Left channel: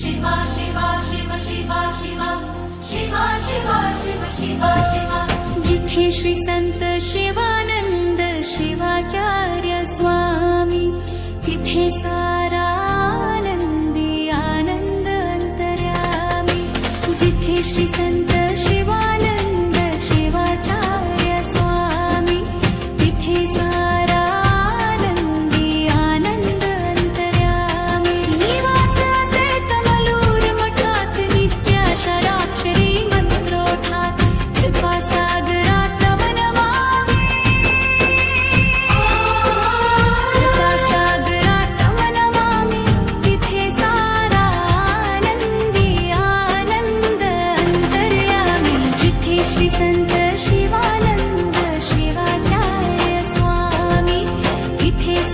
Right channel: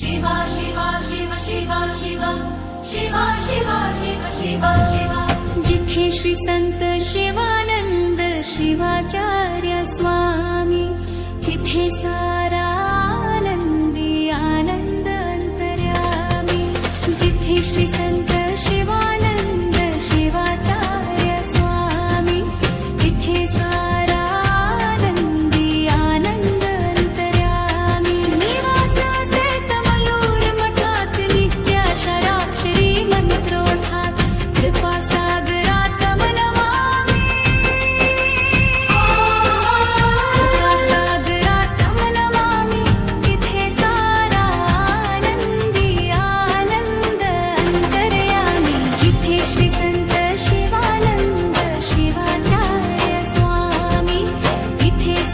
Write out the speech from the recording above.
शिवा शिवा शिव शिवा शिवा शिवा शिवा शिव शिवा शिवा। जिथे श्री संत शिवानंद शिवाचार्य स्वामी, तिथे सारा आनंदी आनंद अंतर्यामी। जिथे श्री संत शिवानंद शिवाचार्य स्वामी, तिथे सारा आनंदी आनंद अंतर्यामी। निवास असे तमलूर मठात, नित्या शराक्षरी मंत्रोठात, कृपा सागरात मन मामी। कृपा सागरात मन मामी, तिथे सारा आनंदी आनंद अंतर्यामी। जिथे श्री संत शिवानंद शिवाचार्य स्वामी, तिथे